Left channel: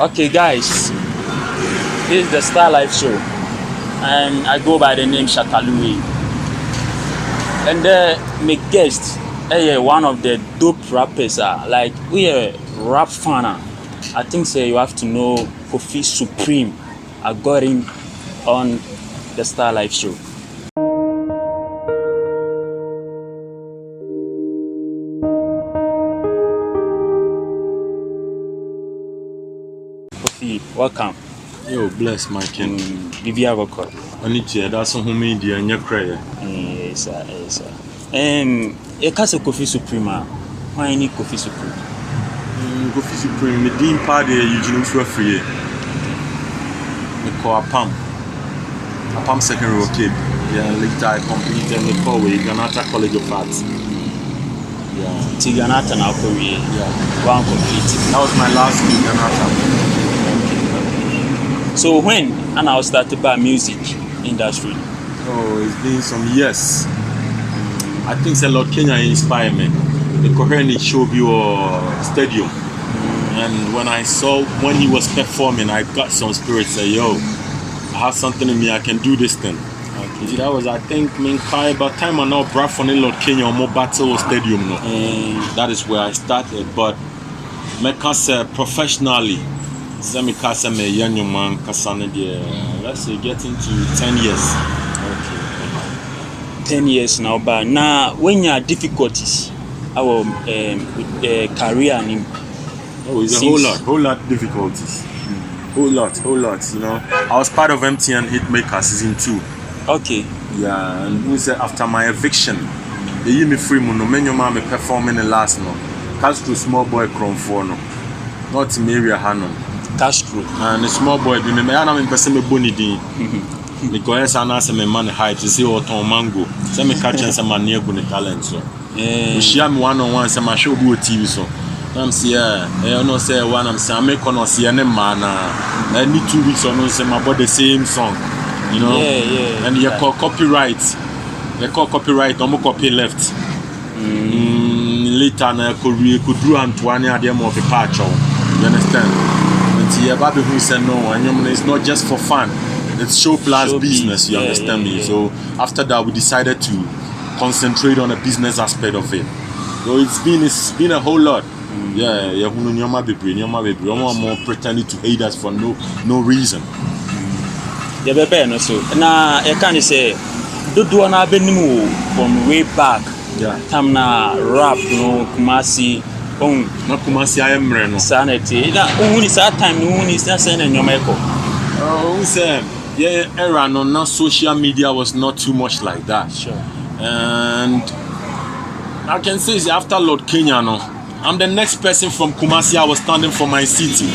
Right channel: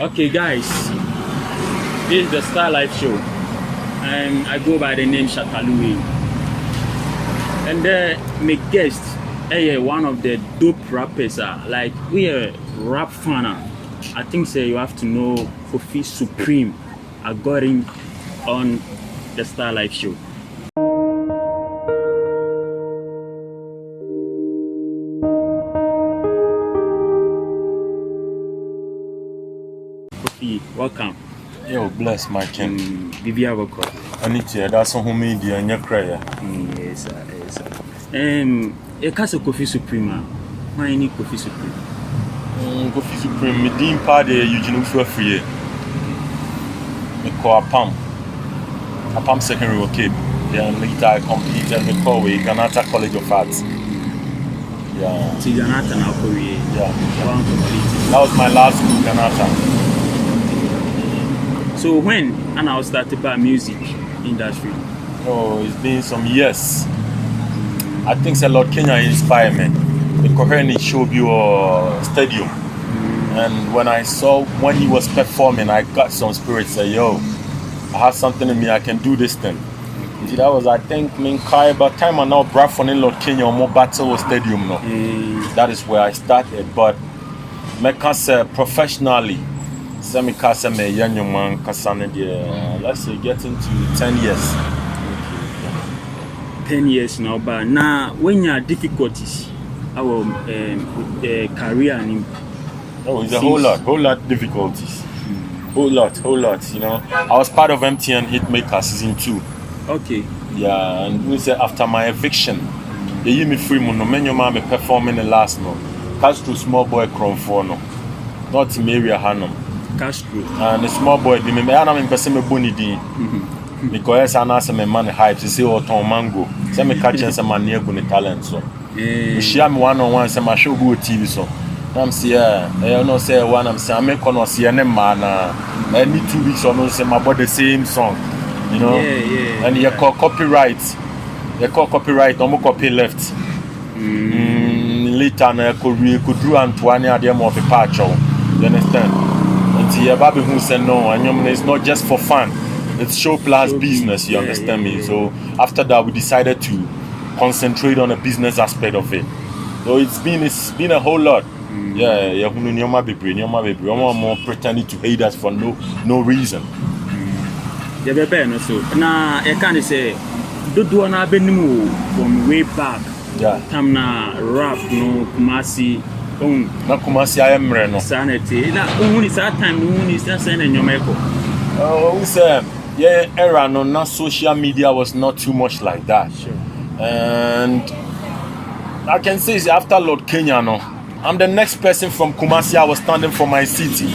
Okay, guys, this is the Star Life Show, and I go by the name Shakalui. And my guest, one of the dope rappers. Like we are rap fan. I think you have to know Kofi Supreme. I got him on the Star Life Show. Kofi, welcome. Yo, bless my king. Vivia Voko. I need to that's a media and your prayer. Yes, sir. A case of Kofi Supreme. Why need Kofi Supreme? Kofi Supreme, me dim party, Eugene free. Me call a pump secondary kid. Then later I complete and me call Ganata College of Arts. Yeah. Ganata now Korea. Yeah. One complete. That was my last school, Ganata. So when and I started by music industry? Oh, it's been some years. I think a lot Kenya inspired me. Because he showed you a stadium. And when he was performing, I got some spirit say, yo, I have something in me, I can do this thing. Okay. That was, I think, by the time I now brought from Lord Kenya or more battle stadium now. That is where I started. But I can say professionally, let's say getting to 10 years. Okay. 10 years now, but now when you have difficulties, our career and it's a whole lot difficulties. Whole lot, you know. I was part of MTN Hitmaker season 2. Okay. Yeah, and we said after my eviction, they gave me free money. Many me performing the last no. Castro small boy Chrome 4 no. Not Mary Hanum. Castro. And the small boy, the me I person me boni di. Because I say me man hype to say what on mango. Say me catch and say man near go talent so. Share me one-on-one say my show go TV so. I'm say I know say one I'm say I make on see any man I need 2 weeks or no say my body the same song. You know? Yeah. And you call copyright. They call copyright no copy left. Later na could do Antoine at the more patch. You understand? And the baby who said no, and it's not just for fun. It's show plus business, you understand me? So after that we decided to concentrate on the business aspect of it. So it's been a whole lot. I'm more pretending to hate us for no reason. Yeah, baby, so now I can say do na benimu from way back. Yeah. Time na rap no Kumasi on na Kumasi I am reno. Sanity. Na uni sa time uni sa say na nyomeko. Oh, say era no na social media was not too much like that. Sure. And I can say after Lord Kenya no, I'm the next person from Kumasi. I was standing for my city.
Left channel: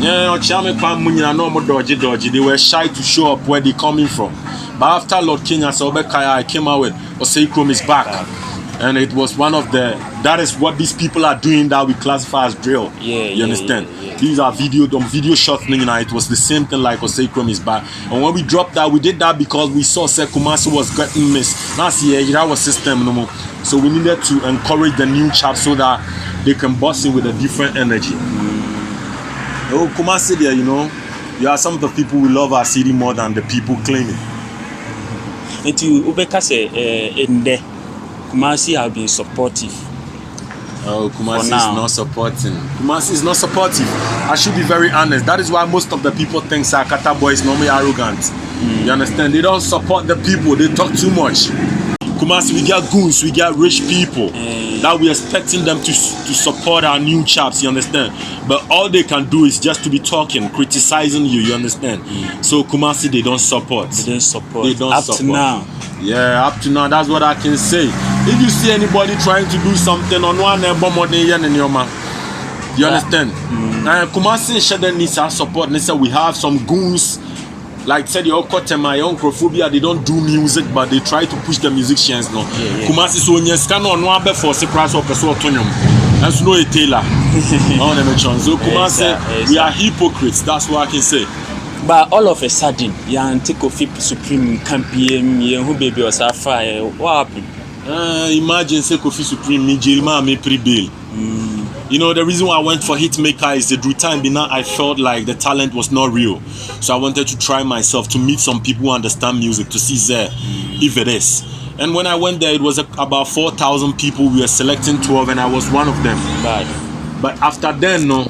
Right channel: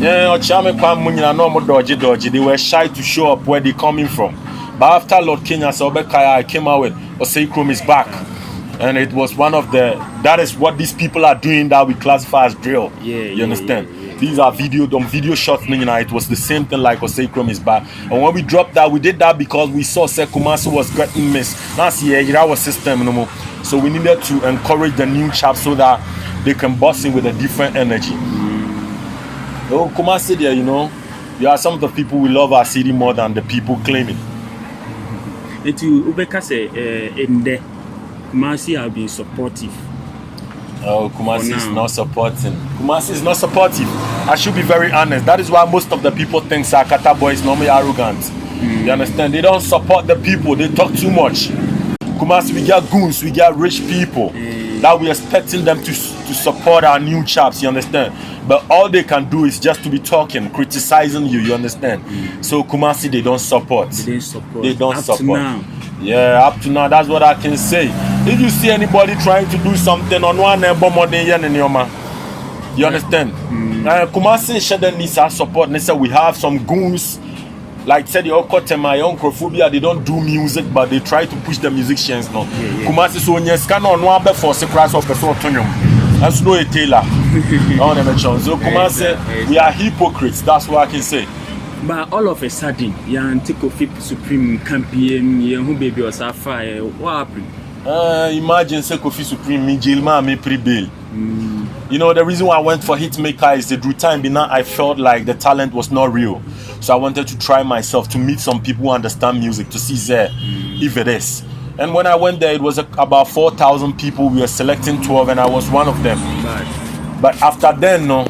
Yeah, they were shy to show up where they coming from. But after Lord Kenya, I came out with Osei Chrome is back. And it was one of that is what these people are doing that we classify as drill. You understand? Yeah. These are video shots, you know, it was the same thing like Osei Chrome is back. And when we dropped that, we did that because we saw Kumasi was getting missed. That's our system no more. So we needed to encourage the new chaps so that they can bust in with a different energy. Oh, Kumasi there, you know, you are some of the people who love our city more than the people claiming. And to Ubeka say in there, Kumasi have been supportive. Oh, Kumasi is not supporting. Kumasi is not supportive. I should be very honest. That is why most of the people think Sakata boy is normally arrogant. You understand? They don't support the people. They talk too much. Kumasi, we get goons, we get rich people that we're expecting them to support our new chaps, you understand? But all they can do is just to be talking, criticizing you understand? So Kumasi, they don't support. They don't up support. To now. Yeah, up to now, that's what I can say. If you see anybody trying to do something on one you understand? Kumasi Shada needs our support. They say we have some goons. Like said the Okotema, Yonkrophobia, they don't do music, but they try to push the musicians now. Kumasi so nyeska no one be for secrets of the Sotonium. As no a tailor. So Kumasi, we are hypocrites, that's what I can say. But all of a sudden, Kofi Supreme campaign, who baby was afire. What happened? Imagine say Kofi Supreme me jail me pre-bail. You know, the reason why I went for Hitmaker is that through time now I felt like the talent was not real. So I wanted to try myself to meet some people who understand music to see if it is. And when I went there, it was about 4,000 people. We were selecting 12 and I was one of them. But after then, no,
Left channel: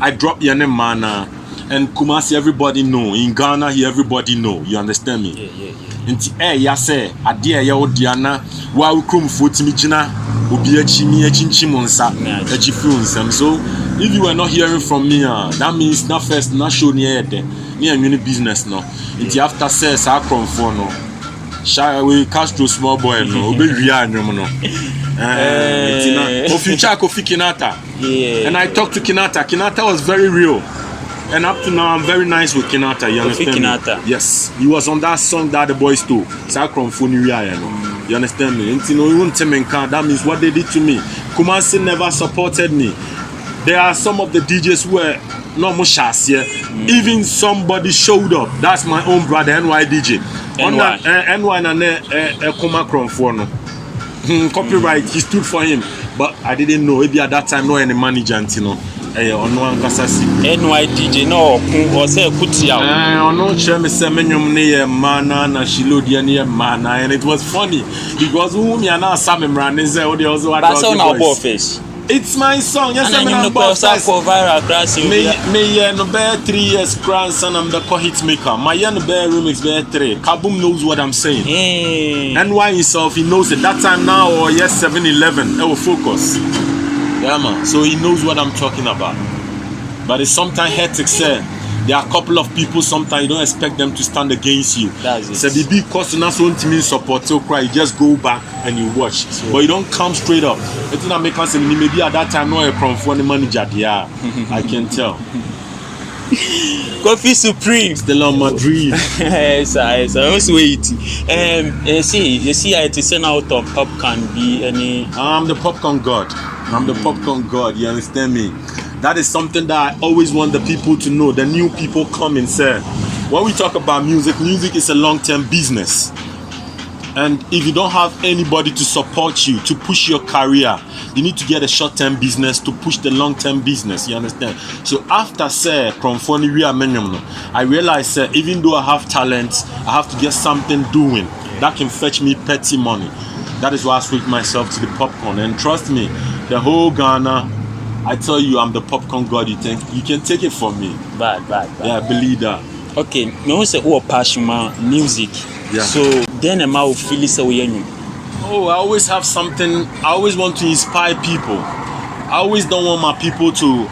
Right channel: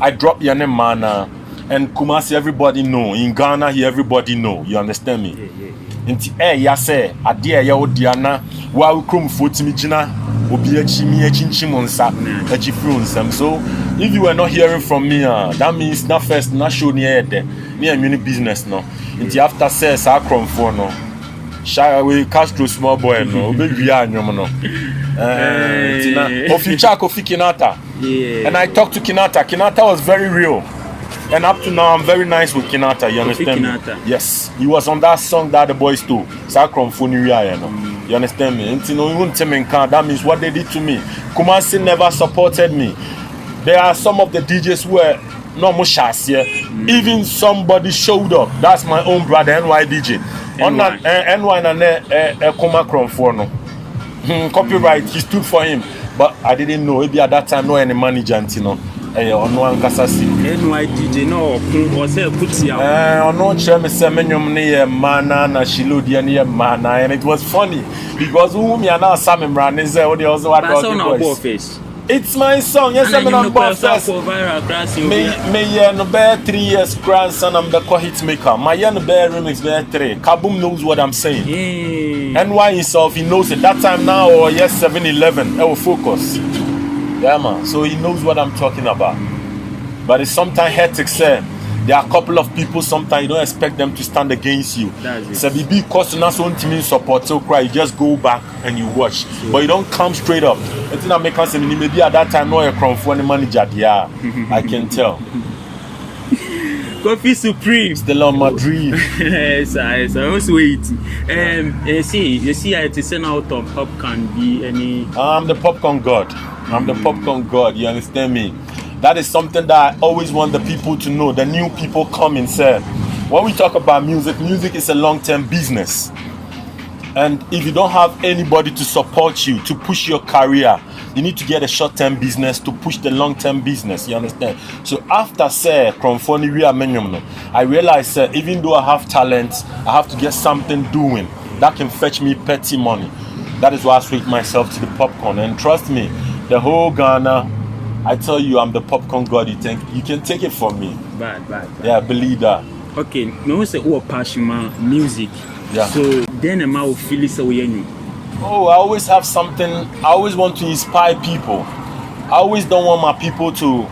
I dropped Yane Mana. And Kumasi, everybody know. In Ghana, here everybody know. You understand me? Inti yase adia ya odiana wa ukrum fotimi jina obi echi mi echinchi monsa echi friunsa. So if you are not hearing from me, that means not first not show ni ede ni any business no. Inti after says akrom for no. Shy we Castro small boy no obi wia anyom no. Oficha Kofi Kinata. And I talked to Kinata. Kinata was very real. And up to now, I'm very nice with Kinata. You understand Kinata. me? Yes. He was on that song that the boys do. Sakron Funiria, you know. You understand me? That means what they did to me. Kumasi never supported me. There are some of the DJs who were not much here. Even somebody showed up. That's my own brother, NY DJ. NY and Kumakron for no. Copyright, he stood for him. But I didn't know. Maybe at that time, no any manager, you know. NY DJ no or say Kutia. No chemi semenyum ne mana na Shilodi ne mana, and it was funny because whom you now Sam Ran is there also what face. It's my song. Yes, I'm no viral crash. Me no bear 3 years grandson I'm the Hitmaker. My young bear remix bear 3. Kaboom knows what I'm saying. NY himself he knows it. That time now or yes 7-11. I will focus. Yeah, man. So he knows what I'm talking about. But it's sometimes hectic, sir. There are a couple of people, sometimes you don't expect them to stand against you. That's it. So because you're not so intimate support, so cry, you just go back and you watch. So, but you don't come straight up. I think that makes sense. Maybe at that time, no aircraft for the manager. Yeah, I can tell. Coffee Supreme. Still on my dream. Yes, I was waiting. You see, I to send out of popcorn be any. I'm the popcorn god. I'm the popcorn god. You understand me? That is something that I always want the people to know. The new people come and say, when we talk about music, music is a long-term business. And if you don't have anybody to support you, to push your career, you need to get a short-term business to push the long-term business. You understand? So after I realized even though I have talent, I have to get something doing that can fetch me petty money. That is why I switched myself to the popcorn. And trust me, the whole Ghana, I tell you, I'm the popcorn god. You can take it from me. Bad. Yeah, I believe that. Okay, me who say who passion music. Yeah. So then am I feel so you. Oh, I always have something. I always want to inspire people. I always don't want my people to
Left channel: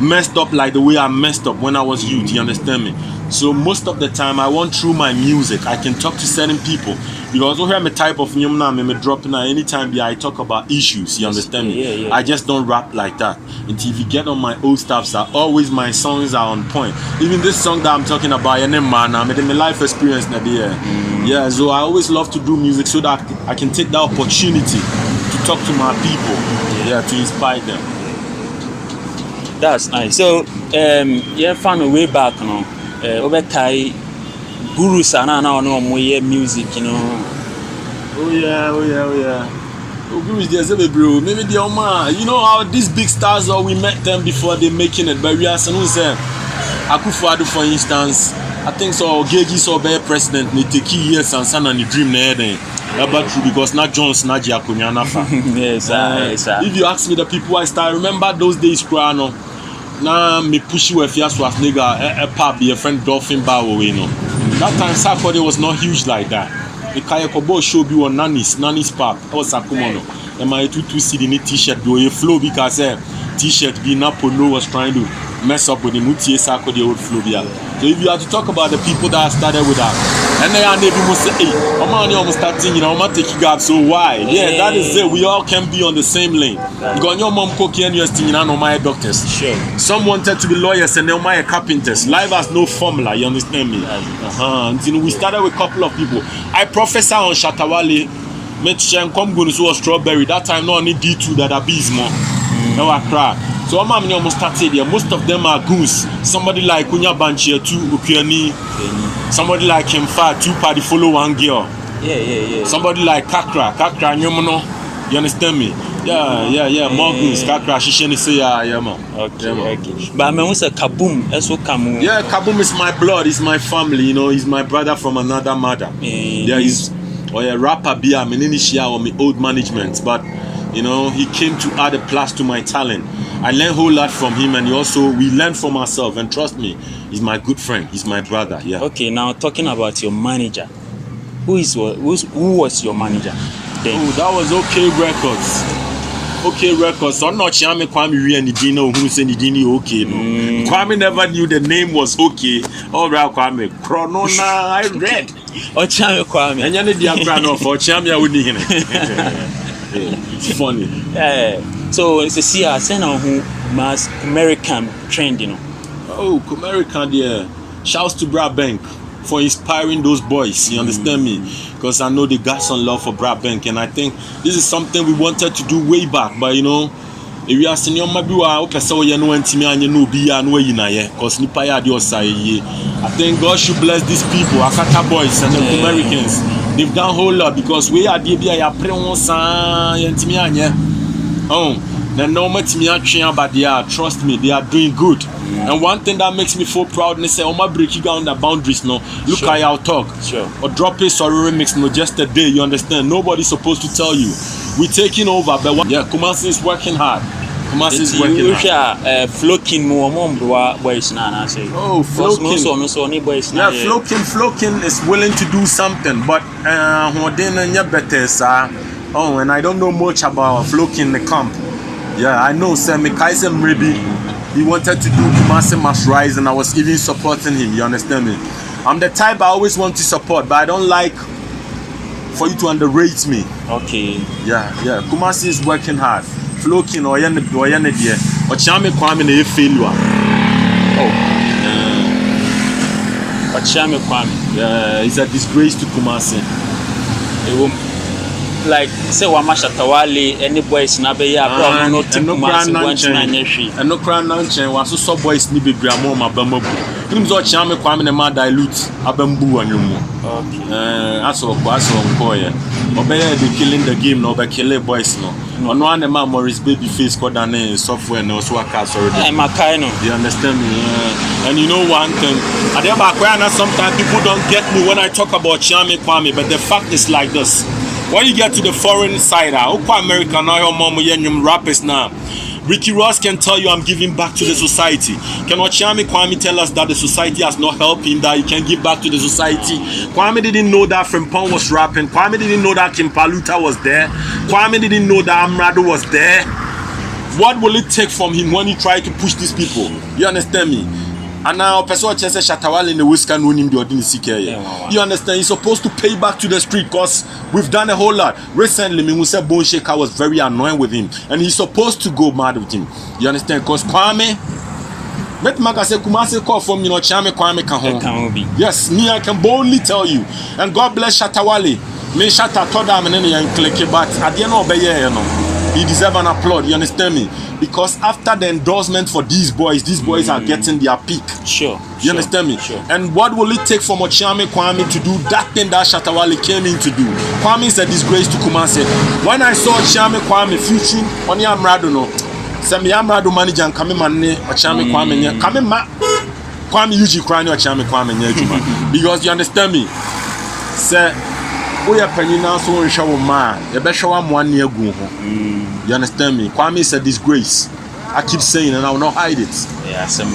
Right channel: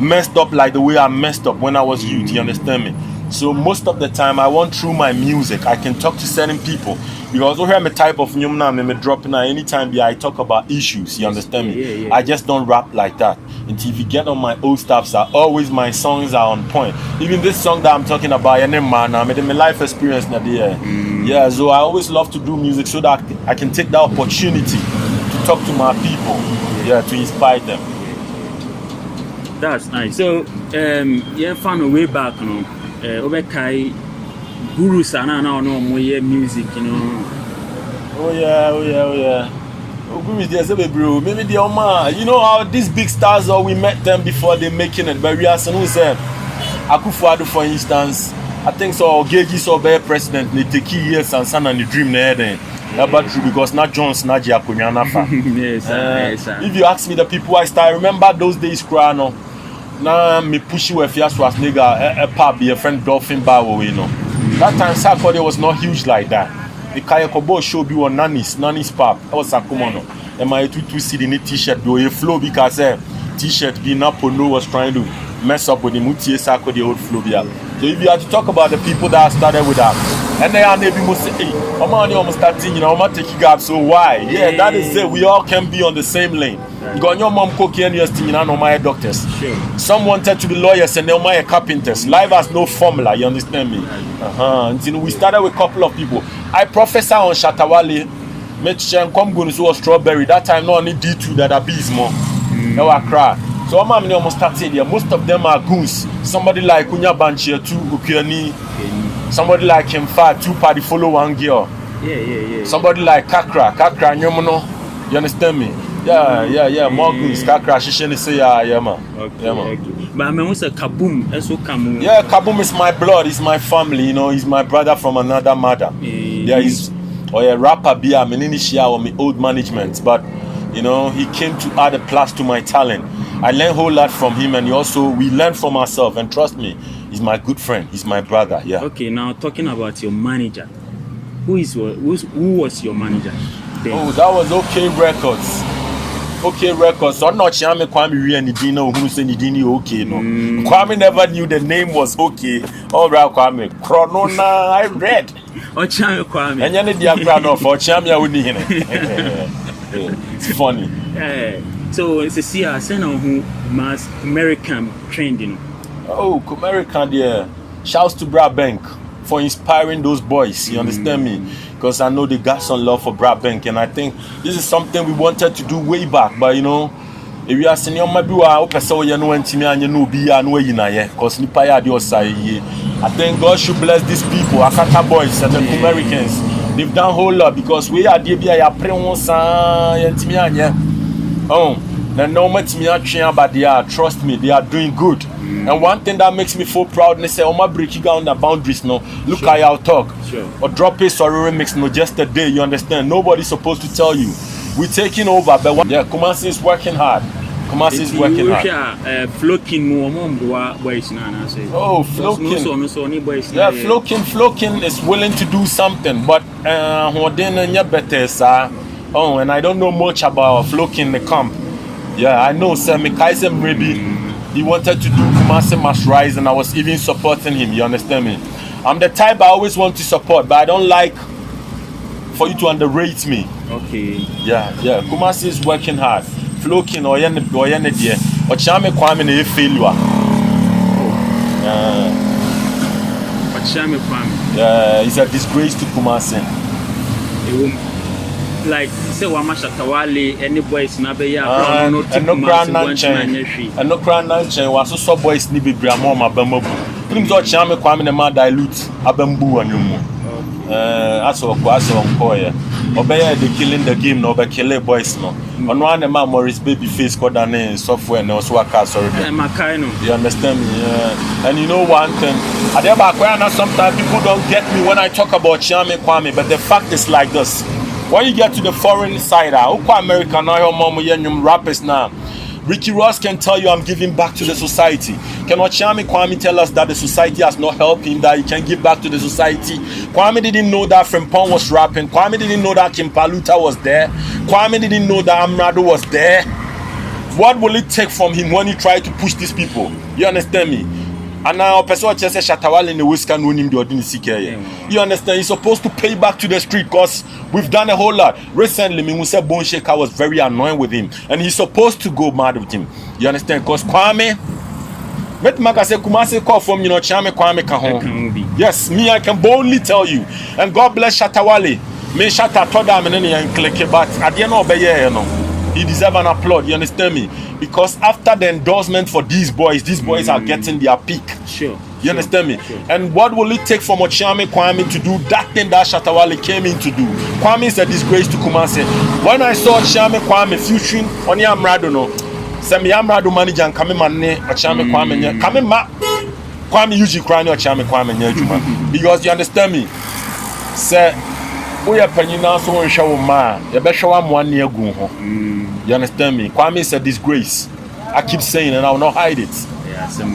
messed up like the way I messed up when I was youth. You understand me? So most of the time, I want through my music, I can talk to certain people. You also hear me type of new now, me dropping anytime I talk about issues. You understand me? Yeah. I just don't rap like that. Until if you get on my old stuff, always my songs are on point. Even this song that I'm talking about, my life experience. Yeah, so I always love to do music so that I can take that opportunity to talk to my people. Yeah, to inspire them. That's nice. So, yeah, found a way back, you know. Over Kai gurus and now no more music, you know. Oh yeah. Gurus there's a bro. Maybe they are, you know how these big stars are, we met them before they making it. But we are some who said Akufo-Addo, for instance. I think so Geji so be president they take years and son and the dream there then. But true because not Jones not Jakunya Nafa. Yes, sir. If you ask me the people I start remember those days Krano. Now me push you if you ask was nigga a pub be a friend Dolphin Bow, you know. That time Sakode was not huge like that. The Kayakobo show be on Nanny's pub. Or Sakumono. And my 2 CD in t-shirt do a flow because t-shirt be Napono was trying to mess up with the Mutie Sakode old flow. So if you have to talk about the people that started with that, and they are maybe must say, hey, I'm almost starting, you know, I'm taking gap. So why? Yeah, that is it. We all can be on the same lane. You got your mom cooking and you're still not my doctors. Sure. Some wanted to be lawyers and they're my carpenters. Life has no formula, you understand me? Until we started with a couple of people. I professor on Shatawale, Metchen come go to Strawberry. That time no only D2 that are more. No I cry. So I'm almost started there. Most of them are goons. Somebody like Kunya Banchia 2 Ukiani. Somebody like him far 2 party follow one girl. Yeah. Somebody like Kakra Nyomono. You understand me? Yeah. More goons. Kakra Shishini say yeah, man. Okay, Yeah, man. okay. But I mean, what's a Kaboom? Also, Kamu. Yeah, Kaboom is my blood. He's my family. You know, he's my brother from another mother. Yeah, he's a rapper. Be a menishia or my old management, but you know, he came to add a plus to my talent. I learned a whole lot from him, and we learn from ourselves. And trust me, he's my good friend. He's my brother. Yeah. Okay, now talking about your manager, who was your manager? Then? Oh, that was OK Records. OK Records. So I'm not sure Kwame Nidina who said Nidini OK. No, Kwame never knew the name was OK. All right, Kwame. Chronona, I read. Ochame Kwame. And you need the background for Chamia Udi. It's funny. So it's a see I send on who mass American trend, you know. Oh, American, yeah. Shouts to Brad Bank for inspiring those boys. You understand me? Because I know they got some love for Brad Bank, and I think this is something we wanted to do way back. But you know, if you are senior, maybe we are okay. So you know, and you know, be and way in a because nipa ya dio say. I think God should bless these people, Akata boys and the Americans. They've done a whole lot because we are the BIA Preonsa and Timianya. Oh, the normal Timia, but they are, trust me, they are doing good. And one thing that makes me feel proud, they say, Oma breaking down the boundaries, no. Look Sure. how y'all talk. Sure. Or drop a sorry remix, no, just a day, you understand? Nobody's supposed to tell you. We're taking over, but Kumasi is working hard. Kumasi is working hard. Flokin more boys now, say. Oh, Flokin. Yeah, Flokin is willing to do something, but oh, and I don't know much about Flokin the camp. Yeah, I know Semi Kaisem Rebi. He wanted to do Kumasi Must Rise, and I was even supporting him. You understand me? I'm the type I always want to support, but I don't like for you to underrate me. Okay. Yeah. Kumasi is working hard. Flokin or Yene dear. Or Chame Kwame ne failure. Ochame Kwame. Yeah, it's a disgrace to Kumasi. Like say Wamasha Tawali, any boys na be ya no tip and no crown nonchain was so boys ni be gramo ma bamabu. Him so Chame Kwame ne ma dilute abambu anyumu. Aso nkoye. Obey the killing the game no be kill boys no. Ono ane ma Morris baby face code and software no so aka sorry. You understand me? Yeah. And you know one thing, sometimes people don't get me when I talk about Chame Kwame, but the fact is like this. When you get to the foreign side, America now, rappers now. Ricky Ross can tell you I'm giving back to the society. Can Ochame Kwame tell us that the society has not helped him, that he can give back to the society? Kwame didn't know that Frimpong was rapping. Kwame didn't know that Kim Paluta was there. Kwame didn't know that Amrado was there. What will it take from him when he tried to push these people? You understand me? And now, person says Shatawale in the whisker no him the ordinary CK. You understand? He's supposed to pay back to the street because we've done a whole lot. Recently, Mimuse Bone Shaker was very annoying with him, and he's supposed to go mad with him. You understand? Because Kwame, let Maka say Kumasi call from Chame Kwame Kahon. Yes, me I can boldly tell you. And God bless Shatawale. Me Shatta Toda Meneni and click it, but at the end of the year, he deserves an applaud. You understand me? Because after the endorsement for these boys are getting their peak. Sure. You understand me? Sure. And what will it take from Ochame Kwame to do that thing that Shatawale came in to do? Kwame is a disgrace to Kumasi. When I saw Ochame Kwame featuring Oni Amrado, no, Semi Amrado manager and Kame Mane, Ochame Kwame, Kame Ma, Kwame usually crying Ochame Kwame, because you understand me? Sir, we are penny now, so we show man, you better show him 1 year go. You understand me? Kwame is a disgrace. I keep saying, and I will not hide it. Yeah, some.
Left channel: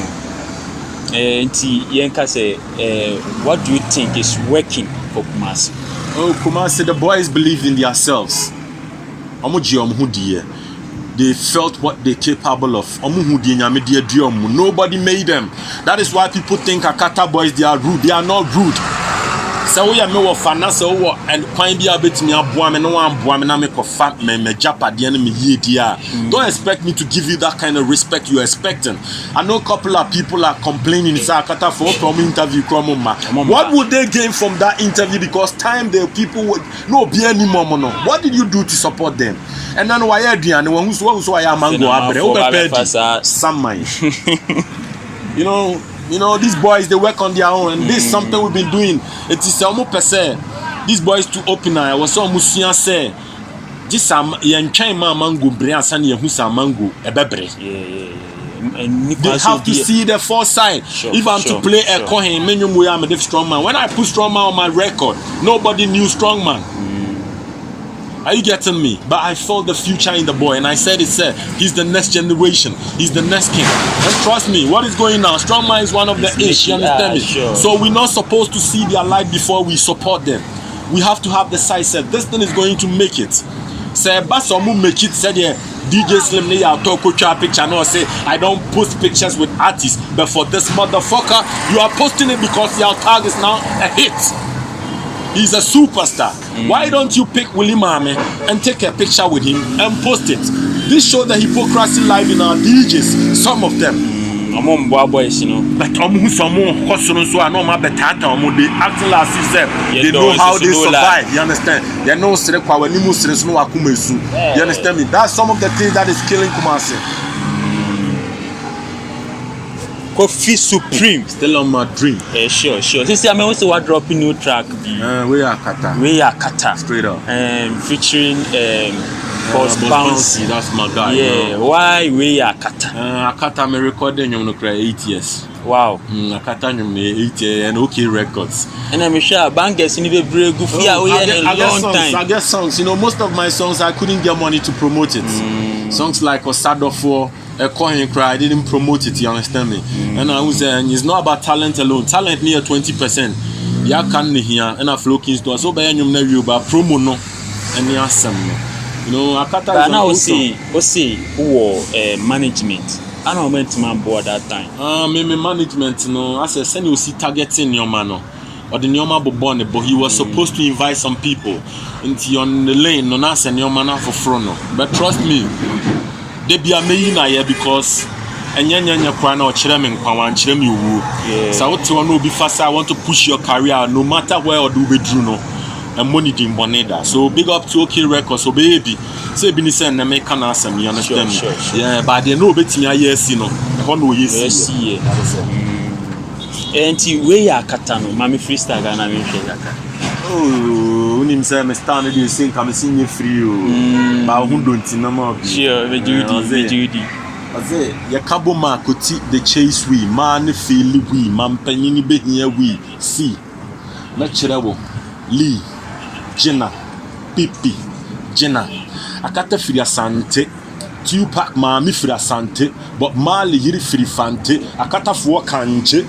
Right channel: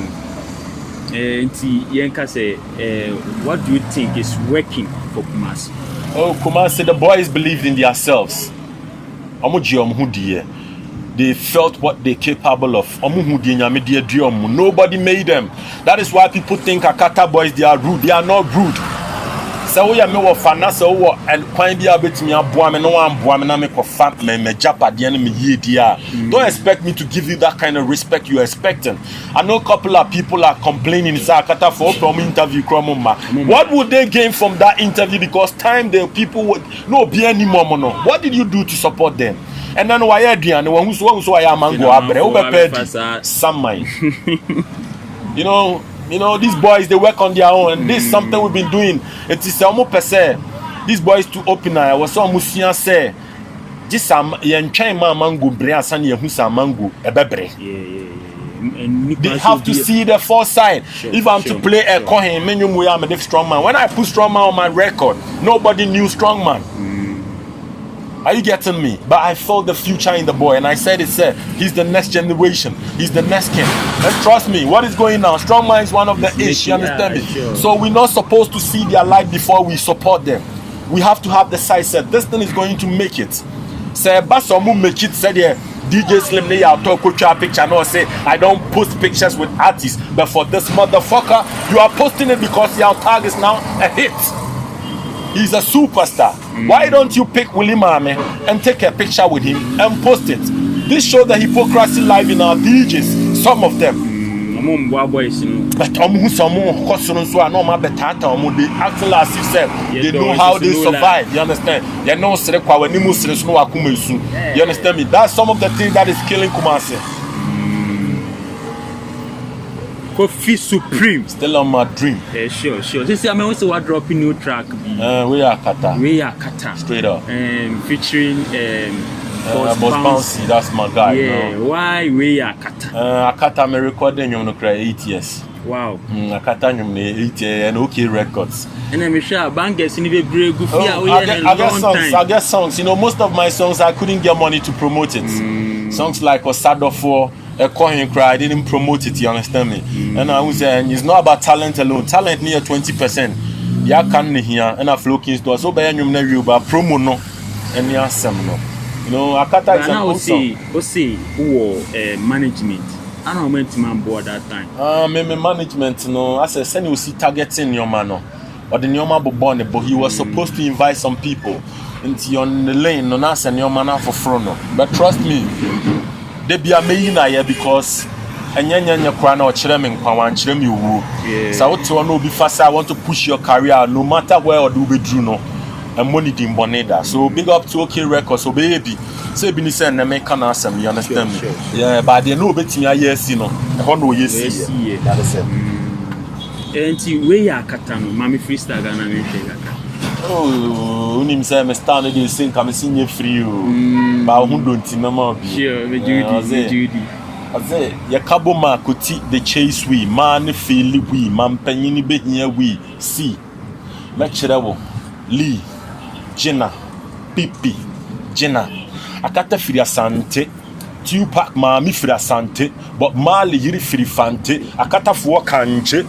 Yenka say, what do you think is working for Kumasi? Oh, Kumasi, the boys believed in themselves. They felt what they're capable of. Nobody made them. That is why people think Akata boys, they are rude. They are not rude. So we are more fana so and quite be a bit me a boam no one boam and I make a fat me japa the enemy ye dear. Don't expect me to give you that kind of respect you're expecting. I know a couple of people are complaining in Sakata for from interview what would they gain from that interview? Because time the people would no be any more. What did you do to support them? And then why Adrian who's why I'm You know, these boys, they work on their own, and this is something we've been doing. It is almost per se. These boys to open I was so Musian say, This some yɛntwɛn ma mango bre ansa na yɛhu sa mango ɛbɛbre. They have to see the foresight. If I'm to play a coin, I'm a strong man. When I put strong man on my record, nobody knew strong man. Are you getting me? But I felt the future in the boy, and I said it, sir. He's the next generation. He's the next king. And trust me, what is going on? Strong man is one of the ish. You understand me? Sure. So we're not supposed to see their light before we support them. We have to have the sight set. This thing is going to make it. Say, Basomu make it. Said yeah. DJ Slim ne ya talk picture no say I don't post pictures with artists, but for this motherfucker you are posting it because your tag is now a hit. He's a superstar. Why don't you pick Willie Mame and take a picture with him and post it? This shows the hypocrisy live in our DJs, some of them. Boys, you know. But so I know my betata they acting like yourself. They know how they survive. You understand? They know you understand me? That's some of the things that is killing Kumasi. Kofi Supreme Still on my dream. Sure. This year I also want dropping new track. We are Kata. Straight up. Featuring Boss Bouncy. That's my guy. Yeah. Bro. Why we are Kata? Akata me recording you 8 years. Wow. Akata me 8 years and OK Records. And I'm sure bangers in the very good for a long time. I get songs. You know, most of my songs I couldn't get money to promote it. Songs like Osado for a coin cry, I didn't promote it, you understand me? And I was saying it's not about talent alone. Talent near 20%. Yeah, can here and a flow kings door. So by any you but promo no and yeah, some no. You know, Akata is now see who management. I don't went to my board that time. Maybe management, no. I said send you see targeting your man. But the Nyoma born, but he was supposed to invite some people into on the lane, no nas and your man for front. But trust me, they be a millionaire because and yanya kwana or chirem kwawan chirem you woo. So what you know be fast, I want to push your career no matter where or do we do no and money in Boneda. So big up to OK Records, so baby. Say Binisa and American awesome, you understand? Sure. Yeah, but they know bet me yes, you know. I know yes, yeah, that's it. Enti we ya katano mami freestyle Ghana me hwe yaka. Oh, unim say me stand dey sing come sing free o. Ba hu don't na ma. Sure, we Judy. Aze ye kabo ma koti the chase we man feel we man panyin be hia we see. Na kire wo Lee Jenna Pipi Jenna akata firi asante Tupac Mami firi asante but Mali yiri firi fante akata fo kanche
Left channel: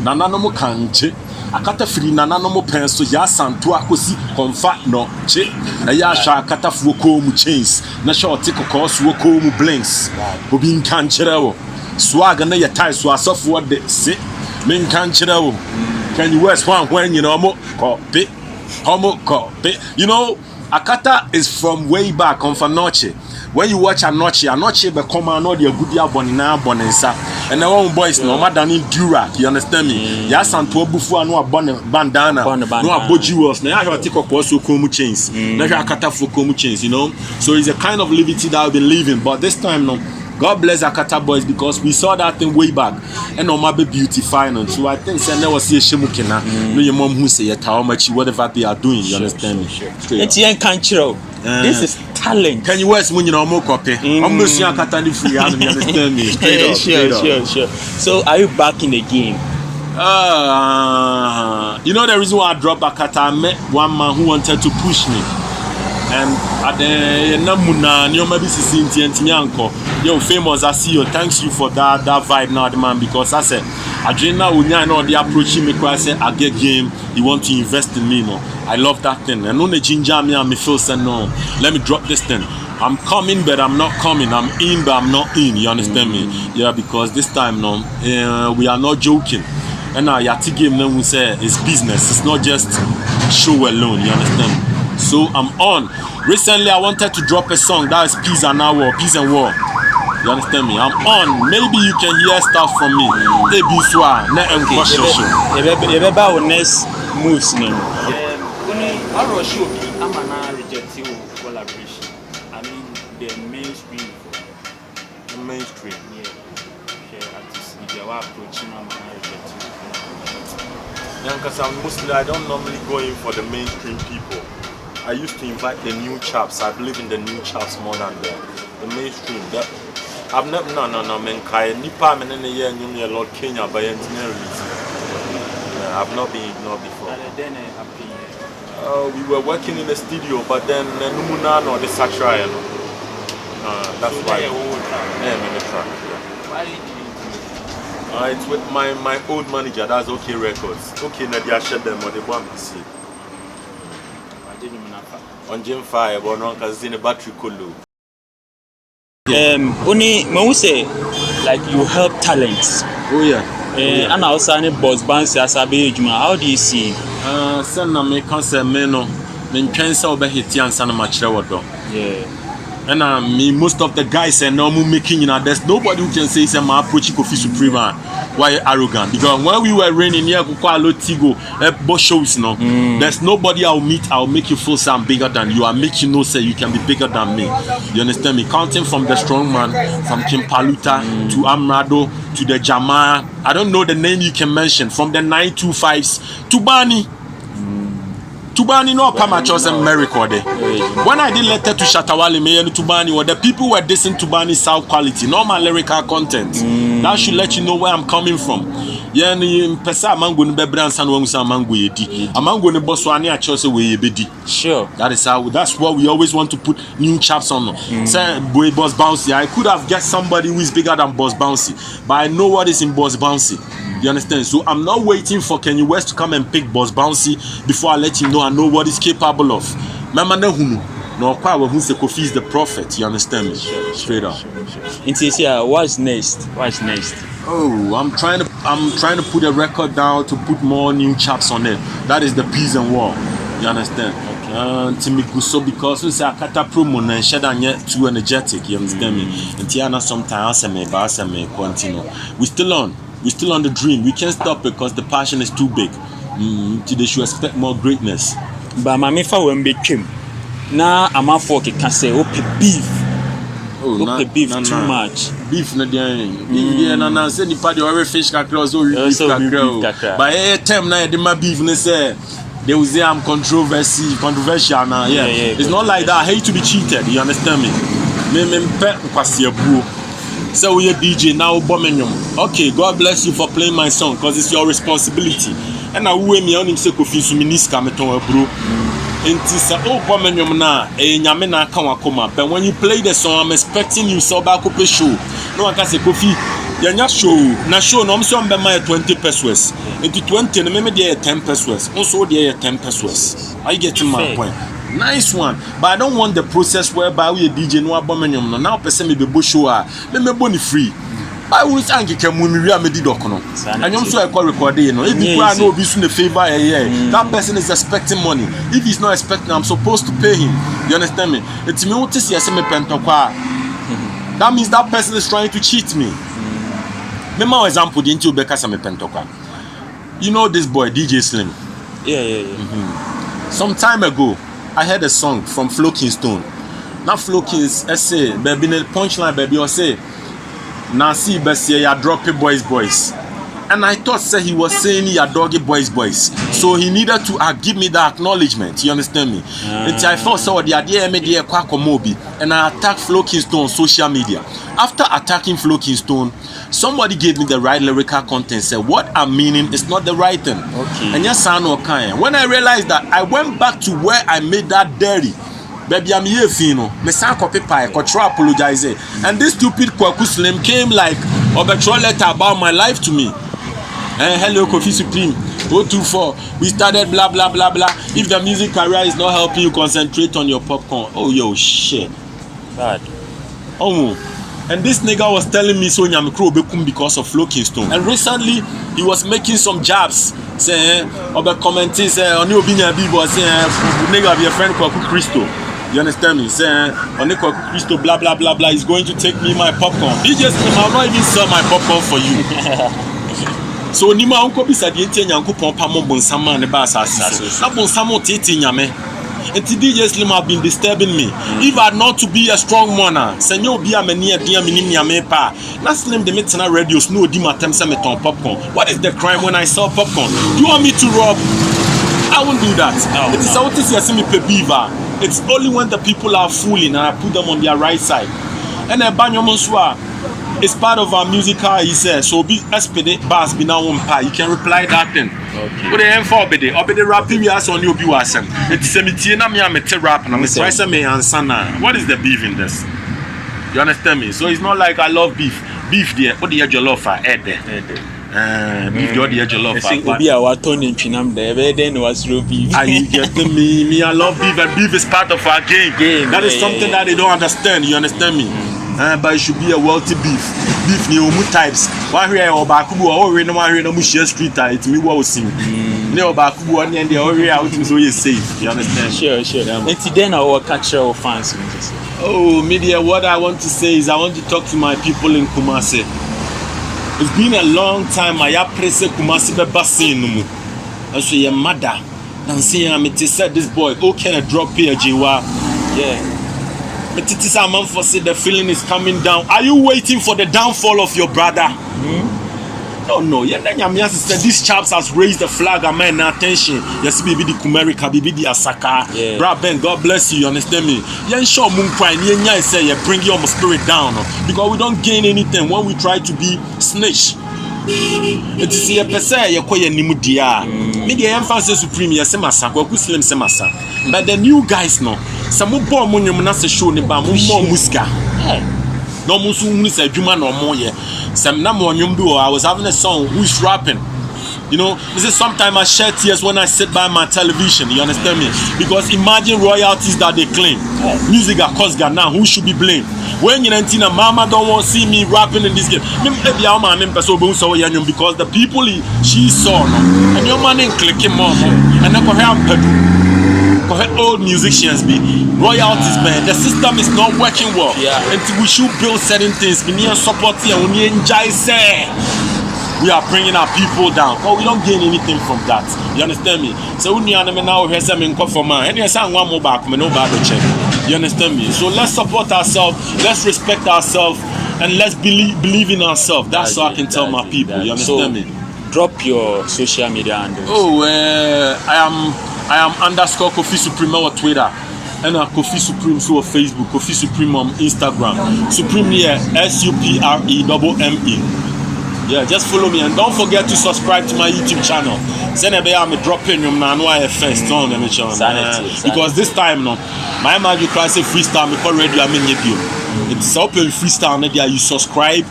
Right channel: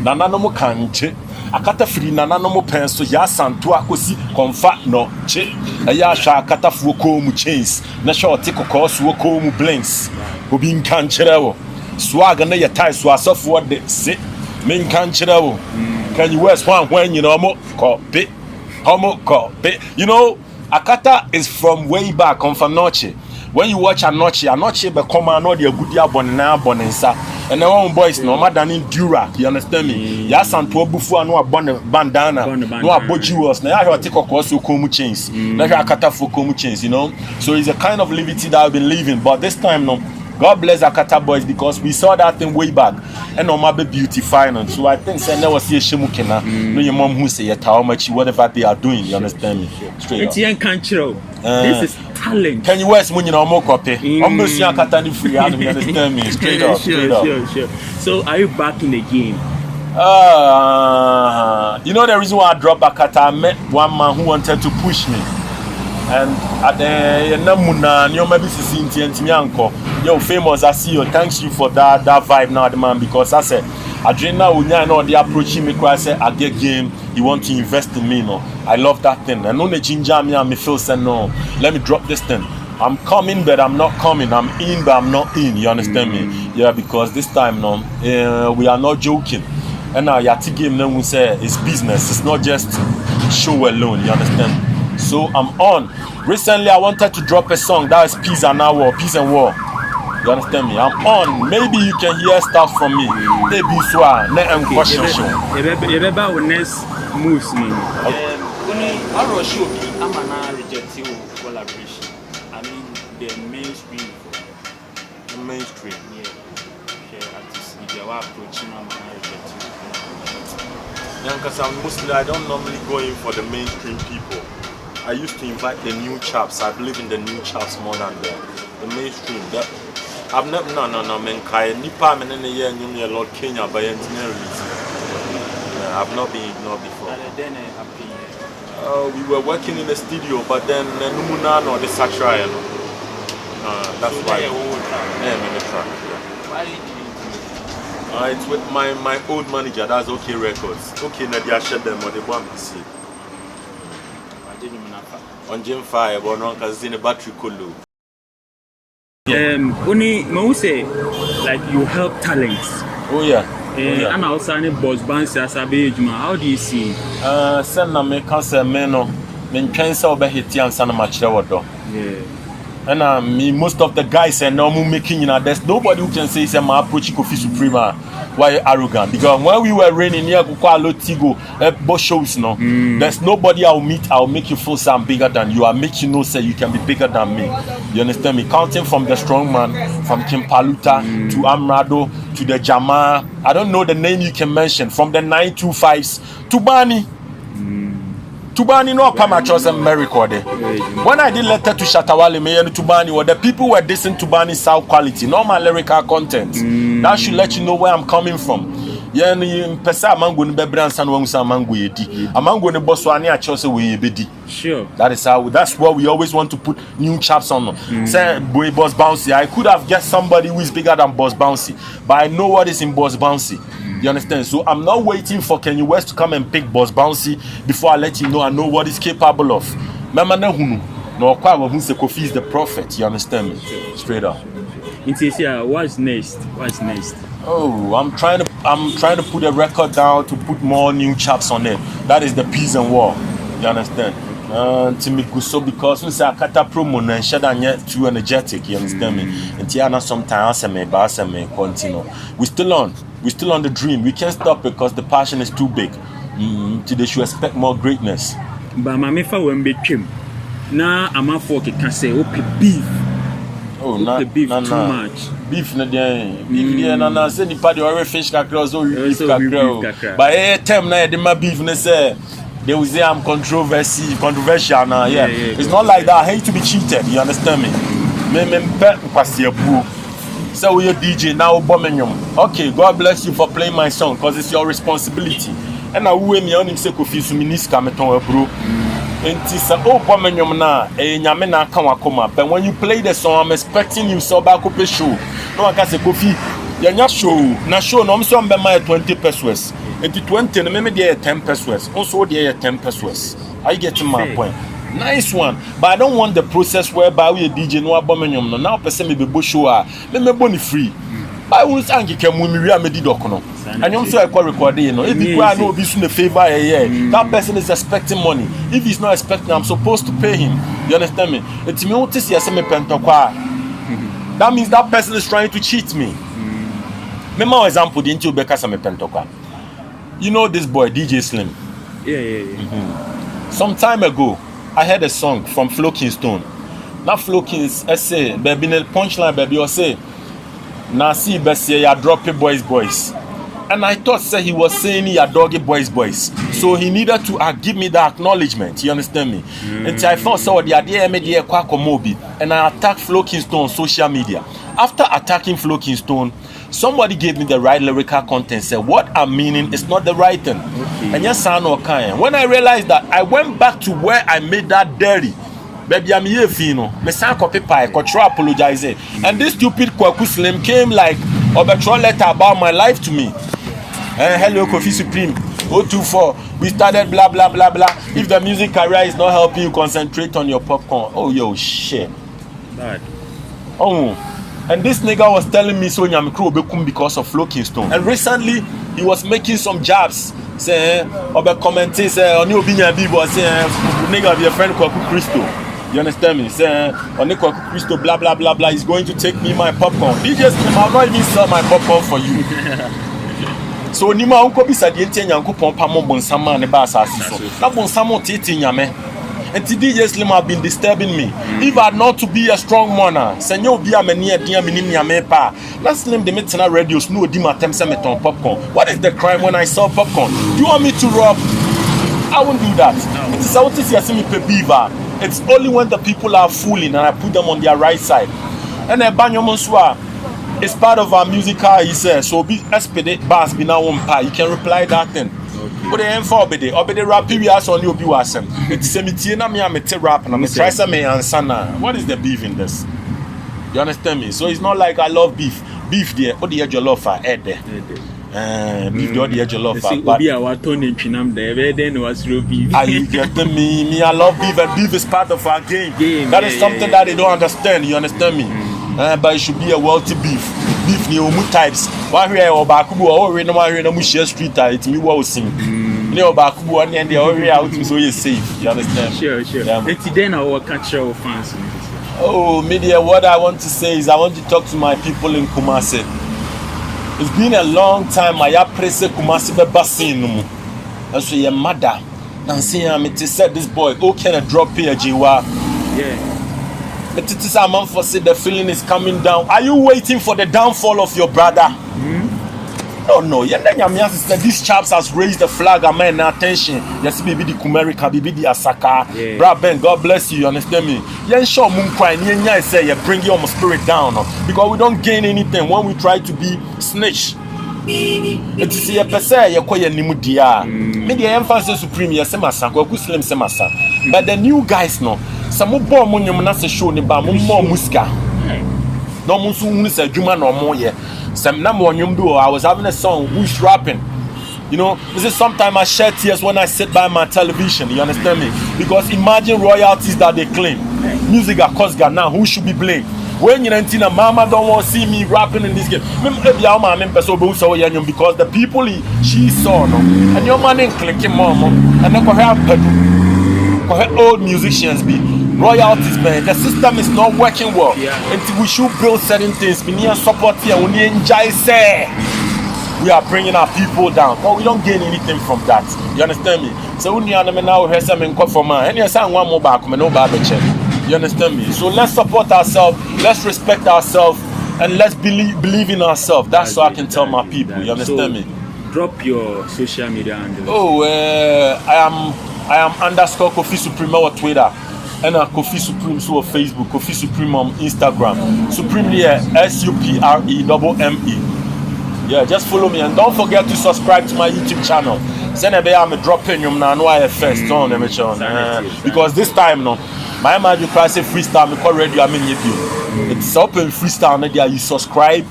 nananom kanche akata firi nananom penso ya santo akosi konfa no che eya hwa akata fo ko mu chains na short kokko ko mu blinks obi nkanchira wo swag na ye tie so asofo de se men nkanchira wo can you west one when you know mo copy you know akata is from way back on Fanoche. When you watch Anoche be come and the good bonensa and the one boys no matter in Durac, you understand me? Yes, and to bufu no bandana, no abojuos, na ya take up also komu chains. Na ya akata for komu chains, you know. So it's a kind of liberty that I've been living, but this time no. God bless Akata boys because we saw that thing way back and no matter beautifying. So I think say never see a shimukina. No your mom who say how much whatever they are doing, you understand me? It's young country. This is talent. Can you West when you know more copy? I'm not seeing Akata free, you understand me? Sure. So are you back in the game? You know the reason why I dropped Akata, I met one man who wanted to push me. And at the Namuna, you maybe see Tintianko. Yo, famous, I see you. Thanks you for that vibe now, the man, because I said, Adrena Unya, know they approaching me, I said, I get game, you want to invest in me, no. I love that thing. And on the ginger me, I feel say, no, let me drop this thing. I'm coming, but I'm not coming. I'm in, but I'm not in. You understand me? Yeah, because this time, no, we are not joking. And now, Yati game, then we say, it's business. It's not just show alone. You understand? So I'm on. Recently, I wanted to drop a song that is Peace and War. You understand me? I'm on. Maybe you can hear stuff from me. Maybe so. Remember next moves, no. I rush you. I'm an rejecting collaboration. I mean the mainstream. The mainstream. Yeah. Artists. If you are approaching, I'm an rejecting. Yeah, because I don't normally go in for the mainstream people. I used to invite the new chaps. I believe in the new chaps more than the mainstream. I've never man kai nipa men in the year new Lord Kenya by engineering. I've not been ignored before. We were working in the studio, but then Numuna or the Satria. That's why. Yeah, in the track. It's with my old manager. That's OK Records. OK, Nadia shut them or they want to see. On Jim Fire, but no because in a battery colo. Only when say like you help talents. Oh yeah. And also any boss bands as a Juma. How do you see? Send na me concert meno. Then chance over hit and sana much though. Yeah. And me most of the guys are normal making there's nobody who can say say my approach Kofi Supreme why arrogant because when we were raining near Kukwalo Tigo both shows no there's nobody I'll make you feel I'm bigger than you. I make you know say you can be bigger than me. You understand me? Counting from the strong man, from Kim Paluta to Amrado to the Jama. I don't know the name you can mention from the 925s to Bani. Tubani no come at us and record. When I did letter to Shatawale Mayor Tubani, or the people were dissing Tubani's sound quality, not my lyrical content. That should let you know where I'm coming from. Yeah, Pesa Mango Bebran San Wangsa Mango Yedi. A mango ne Boswani at Chose way bedi. Sure. That's what we always want to put new chaps on. Say Boy Boss Bouncy. I could have guessed somebody who is bigger than Boss Bouncy, but I know what is in Boss Bouncy. You understand? So I'm not waiting for Kanye West to come and pick Boss Bouncy before I let you know I know what he's capable of. Mama Nehunu. No, who say Kofi is the prophet. You understand me? Straight up. What's next? What's next? Oh, I'm trying to put a record down to put more new chaps on it. That is the peace and war. You understand? Timikuso because we say Akata promo and Shadan yet too energetic. You understand me? And Tiana sometimes I may continue. We're still on the dream. We can't stop because the passion is too big. Today should expect more greatness. But my mefa when became now I'm a fork can say beef. Oh, beef too much. Beef na beef na say the party or fish kakra so beef kakra. But time na the beef na say they will say I'm controversial now. Yeah. It's not like that. I hate to be cheated. You understand me? Me pet kwasi abu. So we a DJ now Birmingham. Okay, God bless you for playing my song because it's your responsibility. And I will me on him say Kofi Suminiska meton bro. Enti sa Birmingham na nyame na aka wakoma. But when you play the song, I'm expecting you so back up show. No I can say Kofi, yanya show. Na show no so be my 20 pesos. Enti 20 no me dey 10 pesos. Also dey 10 pesos. Are you getting my point? Nice one, but I don't want the process whereby we a DJ no Birmingham no. Now person me be show me boni free. I will thank you can we are made docono. And I'm so I call recording, you know. If you are no be soon a favor, that person is expecting money. If he's not expecting, I'm supposed to pay him. You understand me? It's me what is that means that person is trying to cheat me. Remember example, didn't you Becca Same Pentokwa? You know this boy, DJ Slim. Yeah. Some time ago, I heard a song from Flo Kingston. Now Flo King's essay, baby, a punchline, baby, or say. Now see Bessie ya drop it boys. And I thought say he was saying ya doggy boys. So he needed to give me the acknowledgement. You understand me? And I thought so the idea media Kwakomobi and I attacked Flo Kingston on social media. After attacking Flo Kingston, somebody gave me the right lyrical content, said what I'm meaning is not the right thing. Okay. And yes, I know kind. When I realized that, I went back to where I made that dirty. Baby, I'm here, Fino. Me san copy pie, try apologize. And this stupid Kwaku Slim came like a letter about my life to me. Hello, Kofi Supreme. 024. We started blah blah blah blah. If the music career is not helping you concentrate on your popcorn, oh yo shit. Bad. Oh. And this nigga was telling me so Nyamikro Bekum because of Flo Kingston. And recently he was making some jabs. Saying Obe commenting say on your binya bibo saying nigga be a friend called Christo. You understand me? Saying on the Christo blah blah blah blah is going to take me my popcorn. He just I'll not even sell my popcorn for you. So Nima unko bisa dienti nyankopon pa mo bonsama ne ba asase. Na bonsama tete nyame. And today just Slim have been disturbing me. If I not to be a strong monarch, senyo bi amani adia minim nyame pa. Na Slim de metena radios no di matem se meton popcorn. What is the crime when I sell popcorn? Do you want me to rob I won't do that. No, It is no. out to see me beaver. It's only when the people are fooling and I put them on their right side. And then Banyomonswa is part of our musical, he says. So be SPD bass be now you can reply that thing. Okay. But then for obede rap we ask on you be wasem. It's semi na me amete rap and I'm try say me answer now. What is the beef in this? You understand me? So it's not like I love beef. Beef there, what the edge of love for head there. Beef the edge of love for. But be our tone in Chinam there, then was real beef. Are you getting me? Me, I love beef, and beef is part of our game. That is something that they don't understand. You understand me? But it should be a wealthy beef. Beef ni omu types. One here or bakubu or we no one here no share street. It's me what sing. You know bakubu one and the area out so you safe. You understand? Sure. Yeah, And then our cultural fans. oh, media. What I want to say is I want to talk to my people in Kumasi. It's been a long time. I have pressed Kumasi be basin no mu. And so your mother. Now saying me to said this boy. Oh, can I drop here, Jiwa? Yeah. But it is a man for say the feeling is coming down. Are you waiting for the downfall of your brother? No. Said these chaps has raised the flag and man attention. Yes, baby the Kumerika, baby the Asaka. Yeah. Brad Ben, God bless you. You understand me? Yen show moon cry. Yen say you bring your spirit down because we don't gain anything when we try to be snitch. It is a pese ye koye nimu dia. Me the emphasis supreme ye semasa go slim semasa. But the new guys no. Some more money na se show ni ba mo more musika. No musu unu se adwuma no mo ye. Some na mo nwum do I was having a song who's rapping. You know, this is sometimes I shed tears when I sit by my television. You understand me? Because imagine royalties that they claim. Music that cost Ghana, who should be blamed? When you're 19, mama don't want to see me rapping in this game. Maybe I'm a member because the people she saw, no, and your money clicking more, and then go help old musicians be royalties, man. The system is not working well. Yeah. Until we should build certain things. We need support here. We need enjoy say. We are bringing our people down, but we don't gain anything from that. You understand me? So we now have some for man. And yes, I'm one more back. No bad check. You understand me? So let's support ourselves. Let's respect ourselves, and let's believe in ourselves. That's what I can tell my people. You understand me? Drop your social media handles. Oh, I am _ Kofi Supreme on Twitter, and Kofi Supreme so on Facebook, Kofi Supreme on Instagram. Supreme here, SUPREMME. Yeah, just follow me and don't forget to subscribe to my YouTube channel. Send a I'm dropping you now. I first on them because this time no, my magic class freestyle me call radio. I mean it's open freestyle media. You subscribe.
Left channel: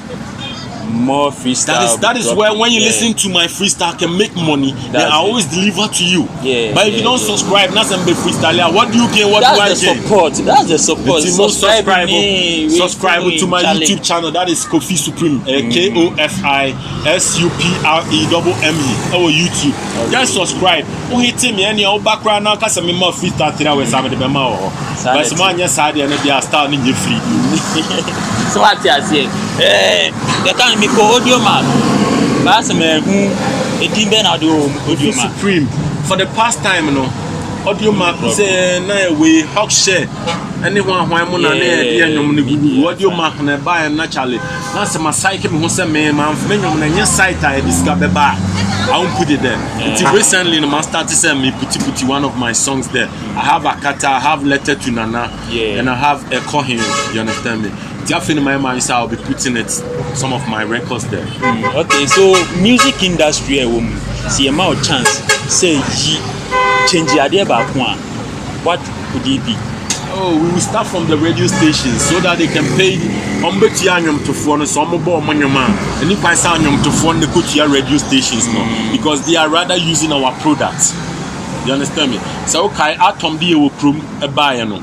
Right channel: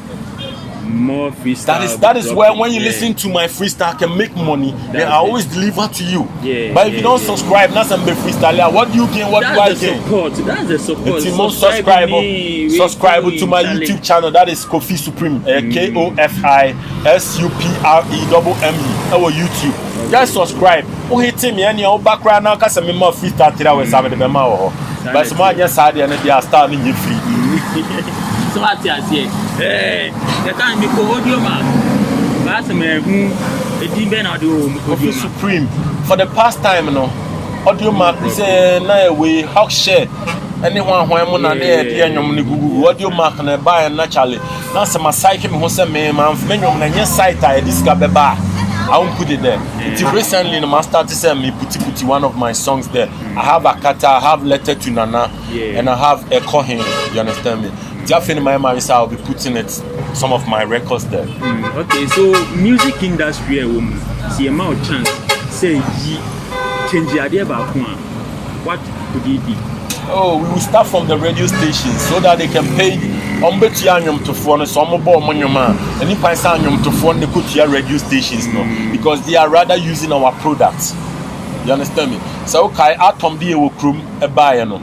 More freestyle. That is where when you listen to my freestyle I can make money. Then I always deliver to you. Yeah. But if you don't subscribe, not some freestyle. What do you gain? What do I gain? That's the support. Subscribe to my YouTube channel. That is Kofi Supreme. KOFI SUPREMME. Our YouTube. Just subscribe. Oh, hit me and your background now. Cause I'm more freestyle today. We're having the memo. But someone just had and they are starting you free. So what I say? The time me go audio mark. Pass me a demon audio mark. Supreme. For the past time, you know, audio mark say na we hawk share. Anyone who I'm on Google audio mark na buy naturally. Now some psyche me who say me man na nya site I discover ba. I won't put it there. Until recently, I started saying me puti one of my songs there. I have Akata, I have Letter to Nana, and I have Ekohim. You understand me? In my mind, I'll be putting it some of my records there. Okay, so music industry, see a more chance. Say change the idea about one. What would it be? Oh, we will start from the radio stations so that they can pay to phone some more money man. And if I say to phone the Kutia radio stations no, because they are rather using our products. You understand me? So okay, Atom be a crew a buyer no.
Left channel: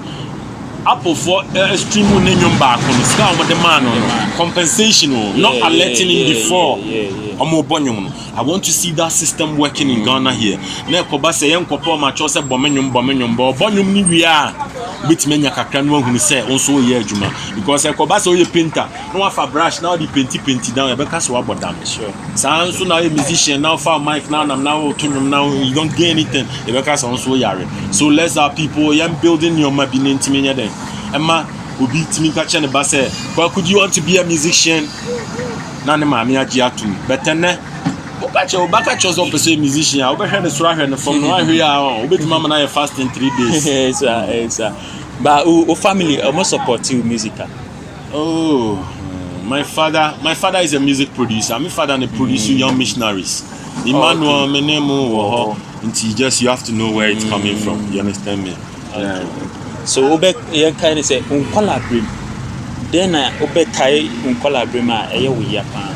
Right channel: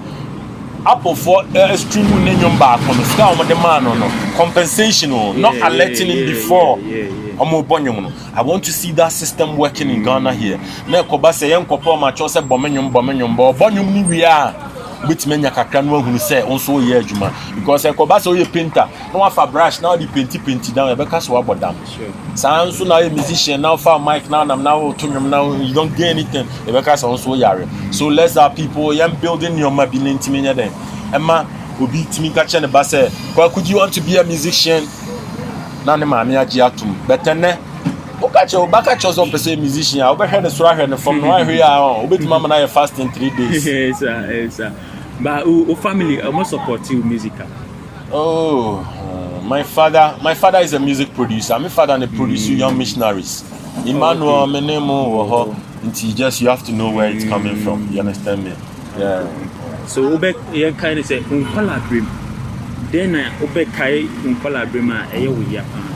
Apple for stream name back on the star with the man no compensation no, not alerting him before. I want to see that system working in Ghana here. Na koba say yen kopo ma cho say bomenyum ni we are with menya kakra no hu say onso ye adwuma because koba say you painter no wa fa brush now the painti down e be ka so abodam sure san so now a musician now for mic now tunum now you don't get anything e be ka so onso yare. So let's have people yam building your mabini ntimenya dem emma obi timi ka che ne ba say could you want to be a musician na ne maami agi atu betene Baka chose up a musician. I overheard the Swahili from right here on. With Mama and I fast in 3 days. Yes. But who family almost support you musical? Oh, my father is a music producer. My father and a producer young missionaries. Emmanuel, my name just you have to know where it's coming from. You understand me? Yeah. So Obek kind of say uncolabrim. Then I Obek Kai uncolabrim Japan.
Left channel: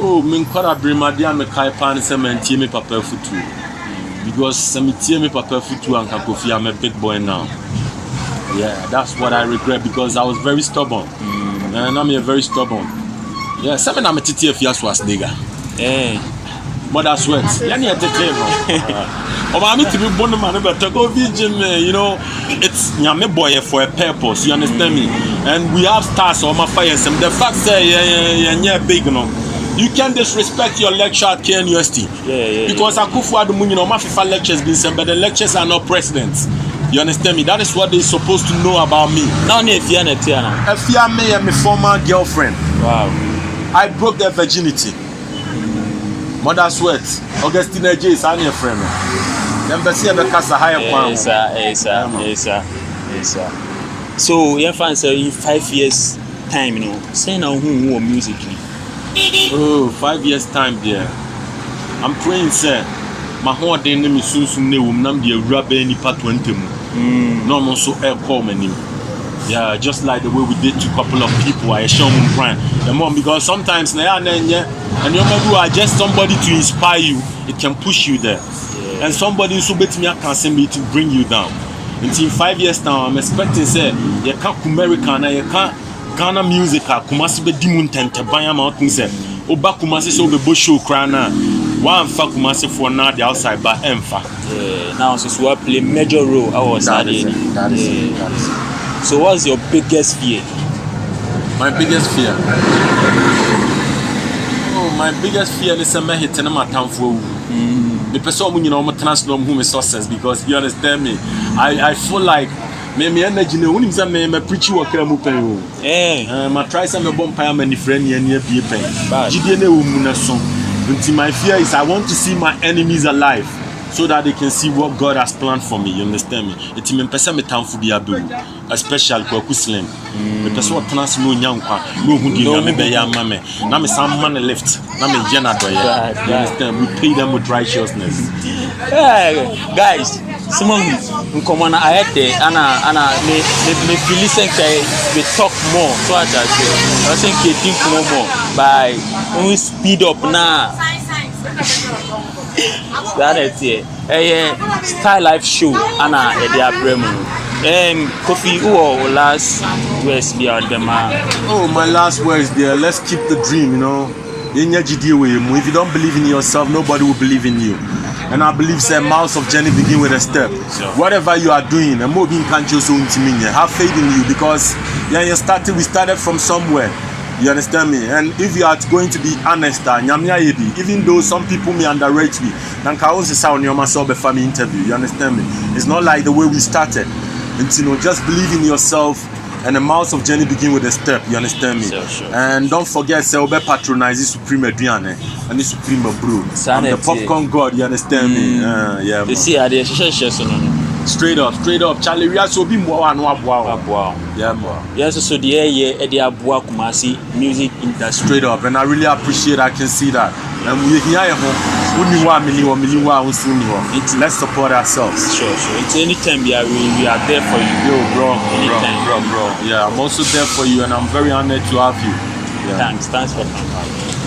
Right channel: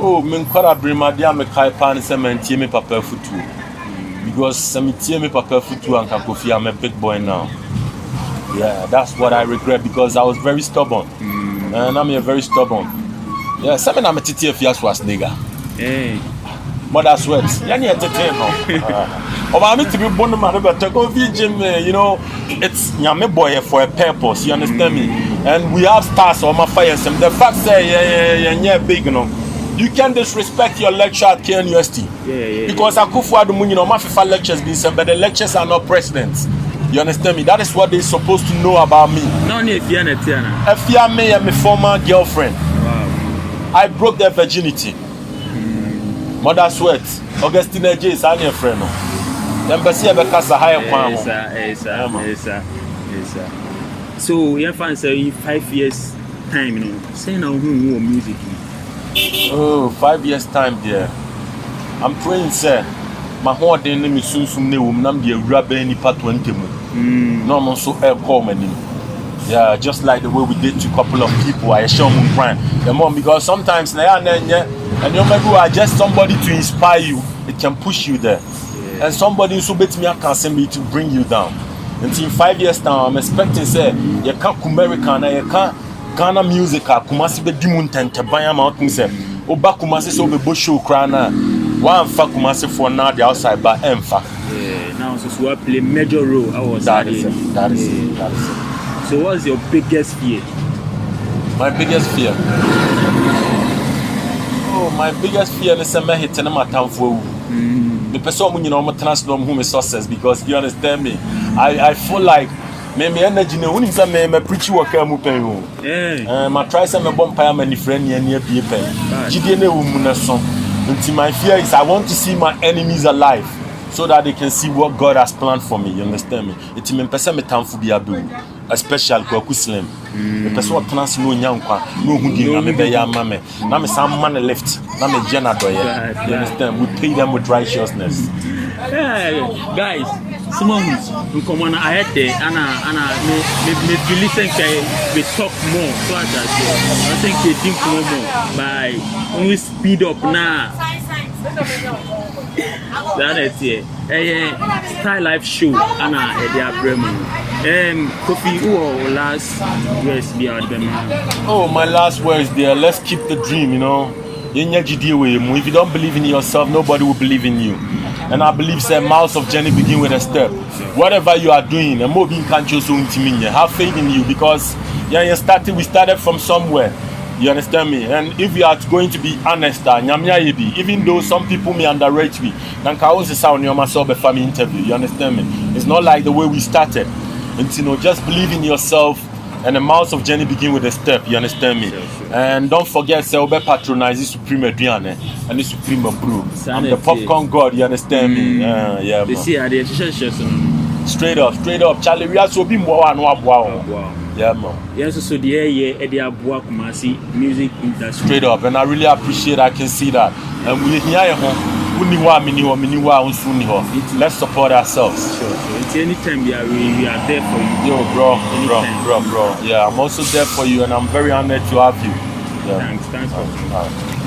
Oh, me uncolabrim dia me kai pan cement me papa futu. Because cemetery me papa futu and Kakofi, I'm a big boy now. Yeah, that's what I regret because I was very stubborn. And I'm very stubborn. Yeah, seven I'm a titi if you was nigga. Hey. Mother sweat. Yani entertainment. I'm to be born man but to go gym, you know, it's nyame boy for a purpose, you understand me? And we have stars on my fire and the fact say yeah big, you know. You can't disrespect your lecture at KNUST. Yeah. Because Akufo Addo, you know, my FIFA lectures been sent, but the lectures are not presidents. You understand me? That is what they're supposed to know about me. Now, if you're me and my former girlfriend. Wow. I broke their virginity. Mother sweat. Augustina J is your friend. Embassy of the Casa Higher. Yes. So, your fans say in 5 years' time, you know, say now who musically. Oh, 5 years' time, dear. I'm praying, sir. My whole day name is soon nam the rubber any part 20. No, I'm also air call my name. Yeah, just like the way we did to a couple of people. I show them brand. The mom, because sometimes and you are just somebody to inspire you. It can push you there. And somebody who bet me can send me to bring you down. Until 5 years now, I'm expecting say you can't American, you can't Ghana music. Kumasi be dimun tente banya mountain say. Oba Kumasi so be show crana. One fa Kumasi for now the outside but emfa. Now so swap play major role. I was that is it. So what's your biggest fear? My biggest fear. Oh, my biggest fear is me hitting my town for. The person you know I'm transform who is success because you understand me. I feel like me energy no unim say me preach work am pen. My try say me bomb pay my friend near be pen. Gidie na wu na so. Until my fear is I want to see my enemies alive so that they can see what God has planned for me. You understand me? It's me person me town for be adu, especially Kwaku Slim. Me person what trans no nyankwa, no hu di na me be ya mame. Na me some man left, na me jena do ya. You understand? We pay them with righteousness. Guys, Simon, come on, I had there, Anna, me listen to we talk more. So I just say, I think they think no more. By we speed up now. That is it. Style Life show, Anna, Edia Bremen. Kofi, who last words be out the man? Oh, my last words there. Let's keep the dream, you know. If you don't believe in yourself, nobody will believe in you. And I believe say miles of journey begin with a step. Whatever you are doing, and more being can choose have faith in you because we started from somewhere. You understand me? And if you are going to be honest, even though some people may underrate me, then I also say on your myself before me interview. You understand me? It's not like the way we started. And you know, just believe in yourself. And the miles of journey begin with a step, you understand me? Sure. And don't forget, say, Obe patronize the Supreme Adriane and the Supreme Brew. I'm the popcorn god, you understand me? Yeah, you see, I did straight up. Charlie, we are so be more and wow. Yeah, man. Yes, so the Eddie Abua Kumasi music industry. Straight up, and I really appreciate I can see that. And we let's support ourselves. Sure. It's anytime we are there for you. Yo, bro. Yeah, I'm also there for you, and I'm very honored to have you. Yeah. Thanks for coming.